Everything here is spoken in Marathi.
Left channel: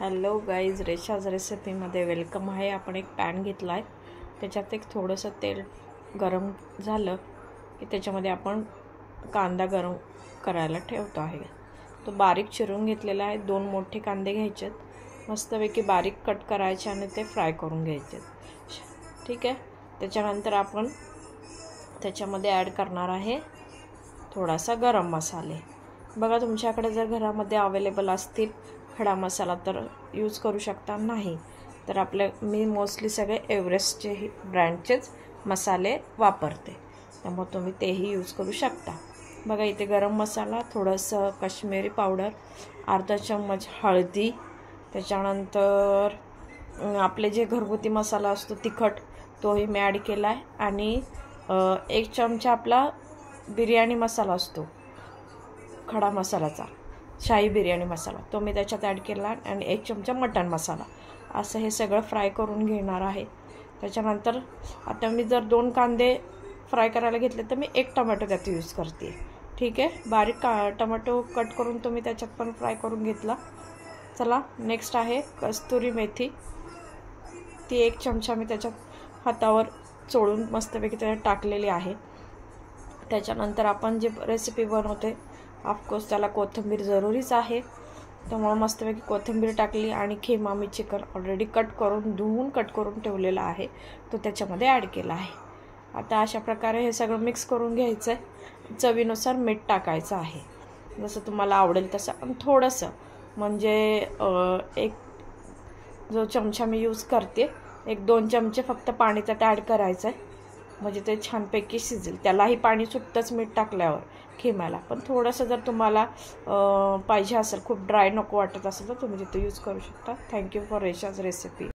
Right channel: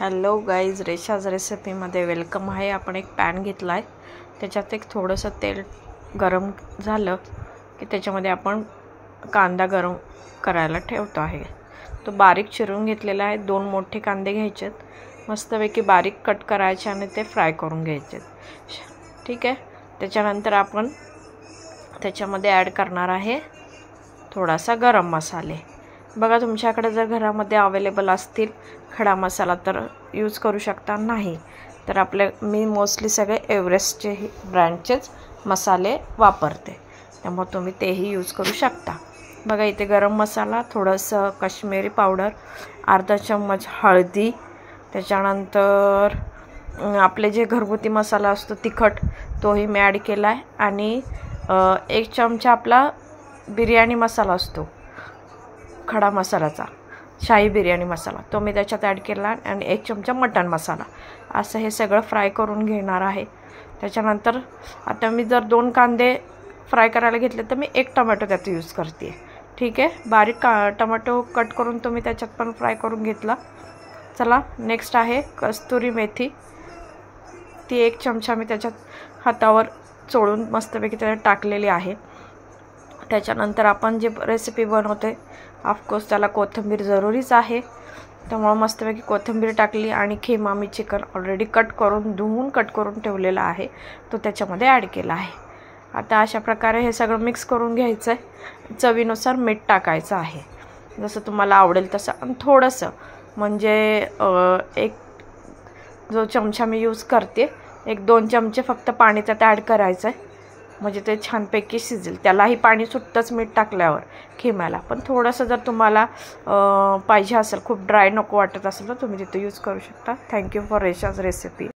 हॅलो गाईज, रेशाज रेसिपीमध्ये वेलकम आहे। आपण एक पॅन घेतला आहे, त्याच्यात एक थोडंसं तेल गरम झालं की त्याच्यामध्ये आपण कांदा गरम करायला ठेवतो आहे। तो बारीक चिरून घेतलेला आहे। 2 मोठे कांदे घ्यायचे, मस्तपैकी बारीक कट करायचे आणि ते फ्राय करून घ्यायचे। ठीक आहे। त्याच्यानंतर आपण त्याच्यामध्ये ॲड करणार आहे थोडासा गरम मसाले। बघा, तुमच्याकडे जर घरामध्ये अवेलेबल असतील खडा मसाला तर यूज करू शकता, नाही तर मी मोस्टली सगळे एव्हरेस्टचे ब्रँडचेच मसाले वापरते, त्यामुळे तुम्ही तेही यूज करू शकता। बघा, इथे गरम मसाला, थोडंसं काश्मीरी पावडर, अर्धा चम्मच हळदी, त्याच्यानंतर आपले जे घरगुती मसाला असतो तिखट तोही मी ॲड केला आहे, आणि 1 चमचा आपला बिर्याणी मसाला असतो खडा मसाल्याचा, शाही बिर्याणी मसाला, तो मी त्याच्यात ॲड केला, आणि 1 चमचा मटण मसाला। असं हे सगळं फ्राय करून घेणार आहे। त्याच्यानंतर आता मी जर 2 कांदे फ्राय करायला घेतले तर मी 1 टोमॅटो त्यात यूज करते। ठीक आहे। बारीक टोमॅटो कट करून तो मी त्याच्यात पण फ्राय करून घेतला। चला, नेक्स्ट आहे कस्तुरी मेथी। ती 1 चमचा मी त्याच्यात हातावर चोळून मस्तपैकी त्याच्यात टाकलेली आहे। त्याच्यानंतर आपण जे रेसिपी बनवते, ऑफकोर्स त्याला कोथिंबीर जरुरीच आहे, त्यामुळे मस्तपैकी कोथिंबीर टाकली, आणि खिमा मी चिकन ऑलरेडी धुवून कट करून ठेवलेला आहे, तो त्याच्यामध्ये ॲड केला आहे। आता अशा प्रकारे हे सगळं मिक्स करून घ्यायचं आहे। चवीनुसार मीठ टाकायचं आहे, जसं तुम्हाला आवडेल तसं, आणि थोडंसं म्हणजे एक जो चमचा मी यूज करते 1-2 चमचे फक्त पाणी त्यात ॲड करायचं आहे, म्हणजे ते छानपैकी शिजेल। त्यालाही पाणी सुटतंच मीठ टाकल्यावर खिम्याला, पण थोडंसं जर तुम्हाला पाहिजे असेल, खूप ड्राय नको वाटत असेल तर तुम्ही तिथे यूज करू शकता। Thank you for Resha's recipe.